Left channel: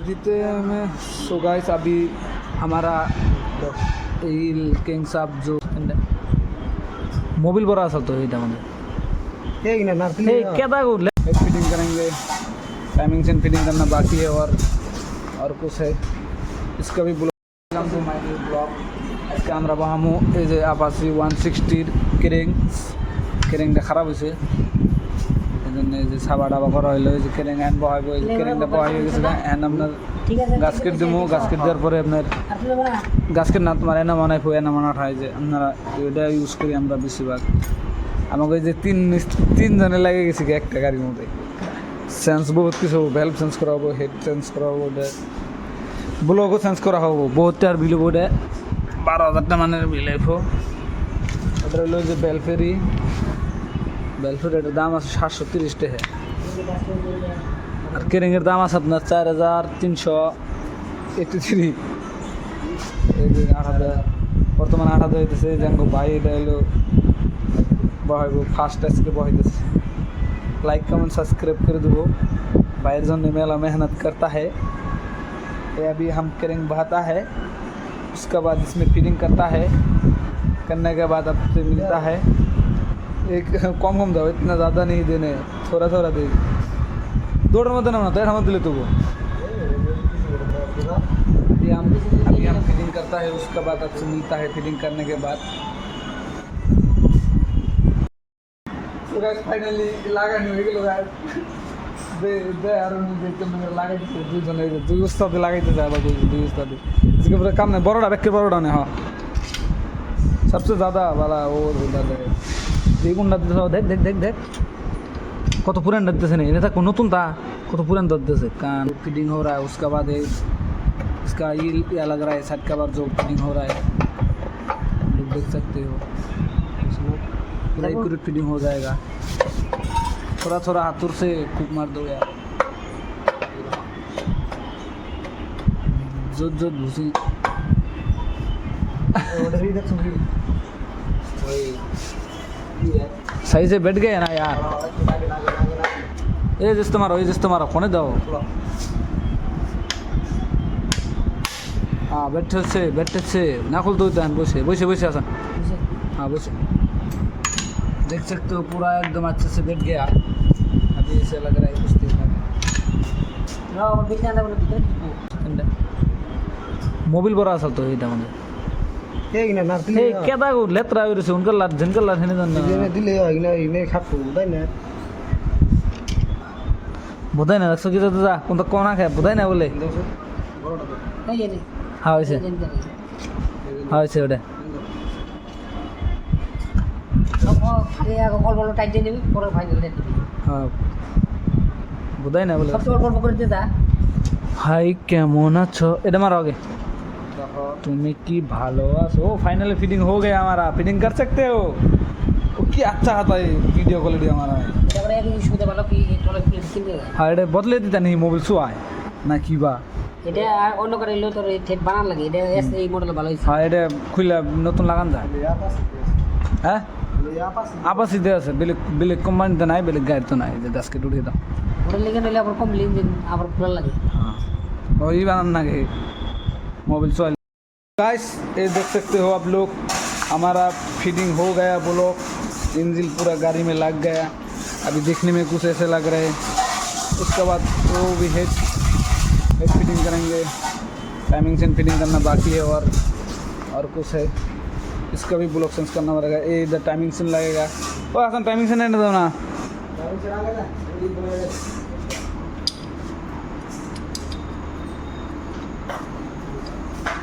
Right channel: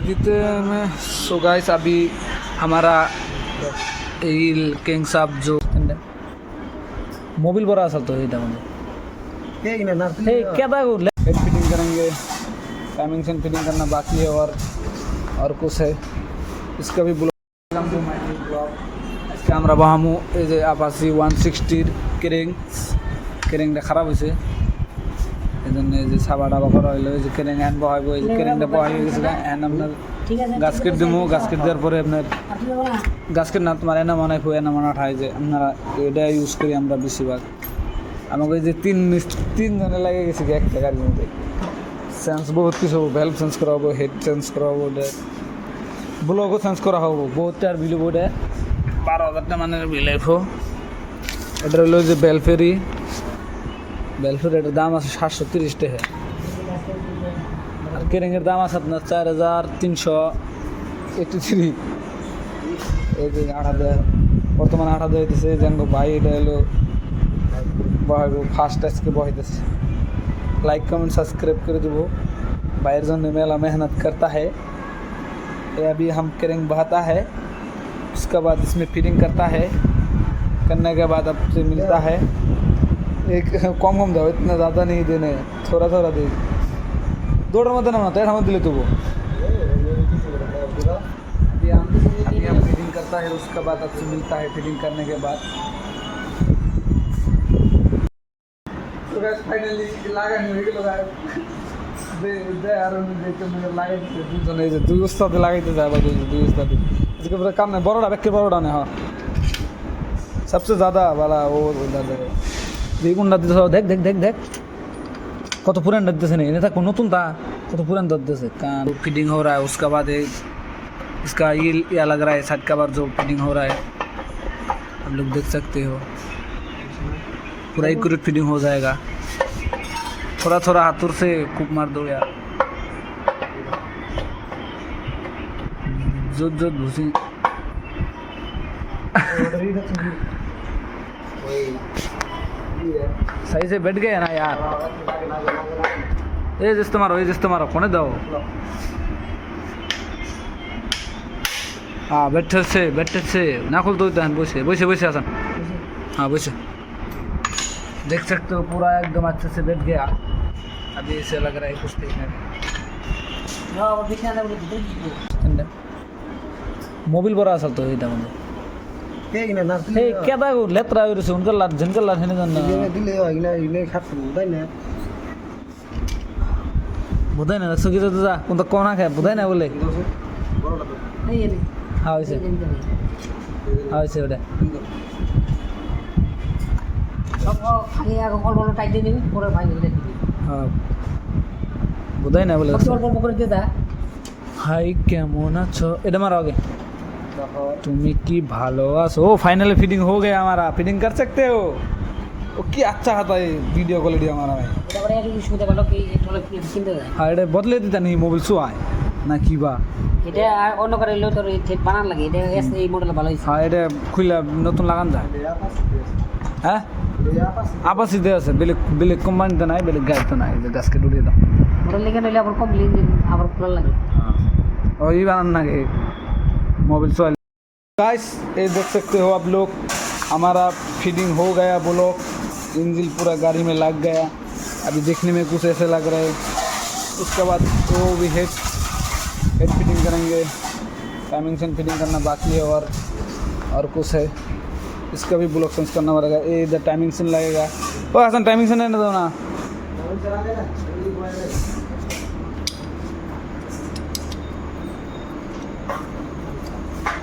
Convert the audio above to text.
देते में। So guys अभी हमारा किंग साहब जो मोबिल बड़ा असल तो ये क्या था वो हेड फिटिंग करेंगे, टाइमिंग से फिटिंग करना बाकी है और कुछ है इसका भी ब्लॉग इसका আমরা বাহামু এই যে আপাসি 160 কেরিং খারাপ হয়েছে এই জন্য এই যে সাবা ডাবা করা হইলো এই যে কেরিং হ্যান্ড বহাইবো এই যে কেরিংটা বহাই হয়ে গেছে হ্যান্ড আপনার গাছকেট দিমু গাছকেট দেওয়ার পরে আপনার গাছকেট না তোমার এনা মনে হয় এনা মনে হয় যে আপনারা এটা ইউজ করি আমরা বেশিরভাগ আমাকে এই যে তিনজনে লাগে গেছে একটা গাড়ির মধ্যে চেঞ্জ বহুত কিছু ভ্যালভ চেঞ্জ করা হবো হেড চেঞ্জ করা হবো ব্লগও চেঞ্জ করা হবো বহুত টাকার বিল হবো এটা 12,000 টাকা মানের বিল আইব এটা হলো যে বেলফেরি এটার দাম আছে 730 টাকা আর কেরিংয়ের দাম আছে আপনার 4,383 এই যে 8,000 বর্তমানে 8,000 হইতেছে জানগো ভাই এটা হলো বহাইব ফার্স্ট আজকে বহাইতেছে लाइक कमेंट सब्सक्राइब कर दो बाहर जो मेला मेहनत करता है ये अभी हम करेंग बहाता है उसके बाद इसमें फिटिंग करता है करने के बाद आपसे मिलता है एक कम दो इतना ज़्यादा नहीं देने थोड़ा दे दौड़ मत ना तैर मत दिले तो वो अभी हम फिटिंग करता है उसके बाद आपसे मिलता है फिटिंग करने के बाद ফাইনালি লাগানো হয়ে গেল দুই উস্তাদে লাগাইতে যায় আবার দুই উস্তাদে इसके पूरा काम नहीं बड़ोड़ा रख के बड़ोड़ा ने हाँ सबसे ज़्यादा वाला वो गुंडा देख देख देख देख कत पुरान दे नहीं था कौन नतून था कत पुरान दे से कान फिटिंग हो रहा है उसके बाद इसका ये लग रहा है साइड का बार जो फिटिंग हो रहा है आप लोग देख सकते हो पूरा एक्यूरेट फिटिंग हो जाएगा थोड़ा हाथों से कूप मार दो यार जो घुसी सही से बैठ गए ना यार ये जिस तुम्हारा कोने दो हाँ बैठे से ना खुल दो बैसे आसान हाँ बैसे देख सकते हो पूरा एकदम अच्छे से बैठ गया अभी इसे लग रहा है कुछ देखने मोबिल बड़ा असल तो এটা মানে এই কেদা গো লেত্রা হইছে উনকার লাট ঝনকার লাট হেনে জান না দিলে হইনা ইনে খাটু বুঝাই না বুঝাই না সকি তো যা কোনটা কোনা খায় বুঝাই না বলে এই এনে হ্যাঁ হইছে ওটা আগে অল্প টাইট দিয়ে নিবি পরে ফাইনাল দিয়ে দিবি হ্যাঁ বুঝাই না বলে অল্প করে দিয়ে দা হাই কেমন আছো এটা মারো আগে তুমি কি ভালো আছো फाइनली फिटिंग हो गया हमारा फिटिंग कर सकते हो वो क्या अच्छा आता है वीडियो क्वालिटी हमारा भाई এটা এক ইস্যু দে ভালো কি টলে প্লেট কিনতে হ্যাঁ এটা বদলে দিতা नहीं মোবাইল সো আয় না কি বা এটা অন্য করে লো তোর সেট বানান লাগে এটা এই মডেল ভালো হইছে হ্যাঁ এটা খুইলা নতুন লাগান যায় হ্যাঁ আপাসি দে আছে বিলে কোম্পানি তো নাই বিলে গাইড তো নাই যে গাছকে উঠিয়ে দাও মডেল লেগে নইলে আবার কম লিন দিন আবার খোলা লাগে হ্যাঁ ওই বানান লাগে मोबाइल सो गाइस ये देख सकते हो आप लोग हमारा फिटिंग हो गया बोलो इंजन पूरा गाड़ी में लग गया अभी देखने में कुछ ऐसे लग रहा है उसके बाद वो भी हेड फिटिंग करेंगे टाइमिंग से फिटिंग करना बाकी है और कुछ है इसका भी ब्लॉक सेंस करना पड़ेगा ये इधर टाइमिंग से लगेगा ओ हसन टाइमिंग से नहीं दो ना